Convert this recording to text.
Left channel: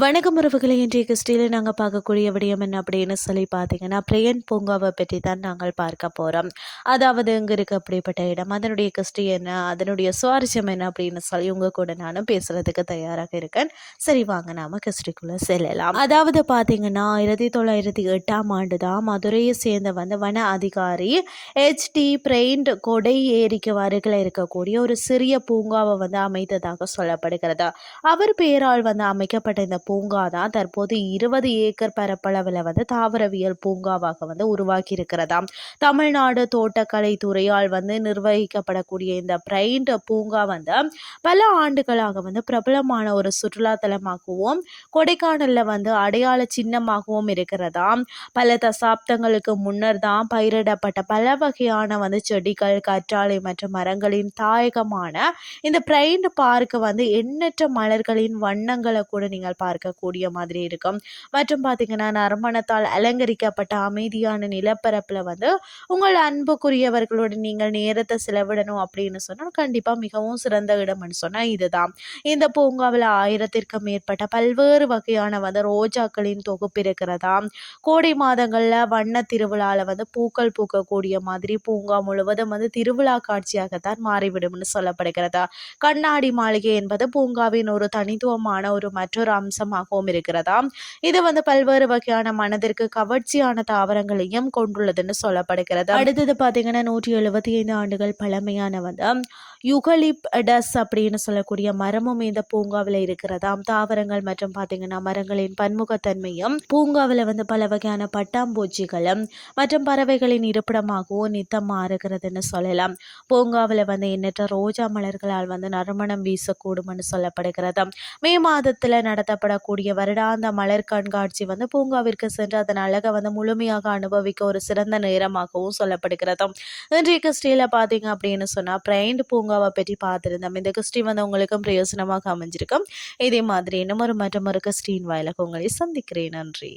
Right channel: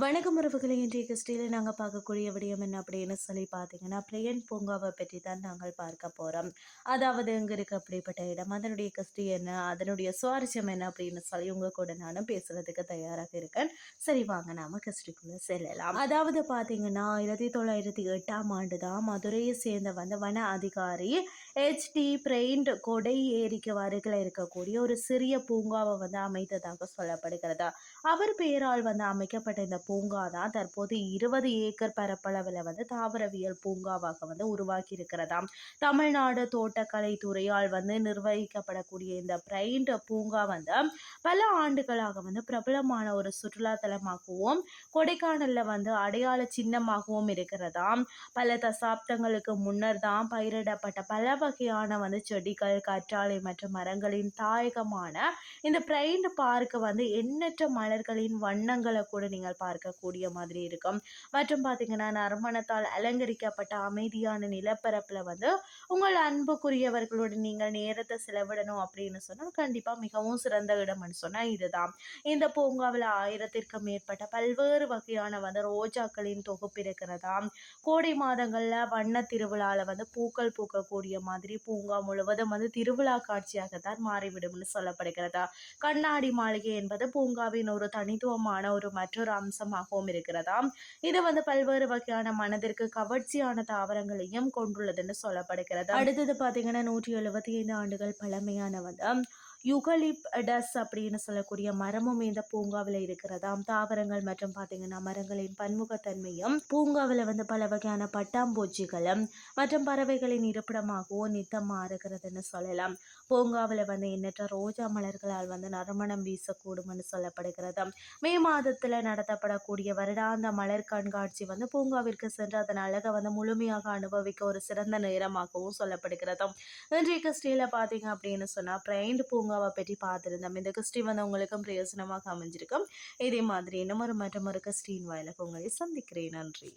வணக்கம் உறவுகளை இன்றைய கிறிஸ்டியில் நாங்கள் பார்க்கக்கூடிய விடயம் என்ன அப்படின்னு சொல்லி பார்த்தீங்கன்னா பிரியன் பூங்காவை பற்றி தான் நாங்கள் பார்க்க போகிறோம் அதாவது இங்கே இருக்க அப்படிப்பட்ட இடம்? அதனுடைய கிறிஸ்டி என்ன? அதனுடைய சுவாரஸ்யம் என்ன அப்படின்னு சொல்லி உங்கள் கூட நானும் பேசுகிறதுக்கு தயாராக இருக்கேன். சரி வாங்க நாம் கிறிஸ்டிக்குள்ளே செல்லலாம். அதாவது பார்த்தீங்கன்னா ஆயிரத்தி தொள்ளாயிரத்தி எட்டாம் ஆண்டு தான் மதுரையை சேர்ந்த வந்து வன அதிகாரி ஹெச்டி பிரெயின்ட் கொடை ஏரிக்கு வருகில் இருக்கக்கூடிய ஒரு சிறிய பூங்காவை வந்து அமைத்ததாக சொல்லப்படுகிறது. அவர் பெயரால் வந்து அமைக்கப்பட்ட இந்த பூங்கா தான் தற்போது இருபது ஏக்கர் பரப்பளவில் வந்து தாவரவியல் பூங்காவாக வந்து உருவாக்கி இருக்கிறதாம் தமிழ்நாடு தோட்டக்கலை துறையால் வந்து நிர்வகிக்கப்படக்கூடிய இந்த பிரைண்ட் பூங்கா வந்து பல ஆண்டுகளாக வந்து பிரபலமான ஒரு சுற்றுலா தலமாகவும் கொடைக்கானலில் வந்து அடையாள சின்னமாகவும் இருக்கிறதாம். பல தசாப்தங்களுக்கு முன்னர் தான் பயிரிடப்பட்ட பல வகையான வந்து செடிகள் கற்றாழை மற்றும் மரங்களின் தாயகமான இந்த பிரைண்ட் பார்க்கு வந்து எண்ணற்ற மலர்களின் வண்ணங்களை கூட நீங்கள் பார்க்கக்கூடிய மாதிரி இருக்கும். மற்றும் பார்த்தீங்கன்னா நறுமணத்தால் அலங்கரிக்கப்பட்ட அமைதியான நிலப்பரப்பில் வந்து உங்கள் அன்புக்குரியவர்களோடு நீங்கள் நேரத்தை செலவிடணும் அப்படின்னு சொன்னால் கண்டிப்பாக மிகவும் சிறந்த இடம்னு சொன்னால் இதுதான். இந்த பூங்காவில் ஆயிரத்திற்கும் மேற்பட்ட பல்வேறு வகையான வந்து ரோஜாக்களின் தொகுப்பு இருக்கிறதா? கோடை மாதங்களில் வண்ண திருவிழாவில் வந்து பூக்கள் பூக்கக்கூடிய மாதிரி பூங்கா முழுவதும் வந்து திருவிழா காட்சியாகத்தான் மாறிவிடும்னு சொல்லப்படுகிறது? கண்ணாடி மாளிகை என்பது பூங்காவின் ஒரு தனித்துவமான ஒரு மற்றொரு அம்சம் அம்சமாகவும் இருக்கிறதா இது வந்து பல்வேறு வகையான மனதிற்கு கவர்ச்சியான தாவரங்களையும் கொண்டுள்ளதுன்னு சொல்லப்படுகிறது. அடுத்தது பார்த்தீங்கன்னா நூற்றி எழுபத்தி ஐந்து ஆண்டுகள் பழமையான வந்து யுகலிப்டஸ் அப்படின்னு சொல்லக்கூடிய மரமும் இந்த பூங்காவில் இருக்கிறதாம். தாவரங்கள் மற்றும் பார்த்தீங்கன்னா மரங்களின் பன்முகத்தன்மையும் பூங்காவில் வந்து பல வகையான பட்டாம்பூச்சிகளும் மற்றும் பறவைகளின் இருப்பிடமாகவும் நித்தம் மாறுகிறதுன்னு சொல்லலாம். பூங்காவில் வந்து எண்ணற்ற ரோஜா மலர்களால் வந்து நறுமணம் வீசக்கூடும்னு சொல்லப்படுகிறது மே மாதத்தில் நடத்தப்படக்கூடிய வருடாந்த மலர் கண்காட்சி வந்து பூங்காவிற்கு சென்று அதன் அழகை வந்து முழுமையாக அனுபவிக்க ஒரு சிறந்த நேரமாகவும் சொல்லப்படுகிறது இன்றைக்கு கிறிஸ்டியில் பார்த்தீங்க அப்படின்னு சொன்னால் பிரைண்ட் பூங்காவை பற்றி பார்த்துருந்தோம். இந்த கிறிஸ்டி வந்து உங்களுக்கும் பிரயோசனமாக அமைஞ்சிருக்கும். இதே மாதிரி இன்னும் ஒரு மற்றும் கிறிஸ்டின் வாயிலாக உங்களை சந்திக்கிறேன். நன்றி.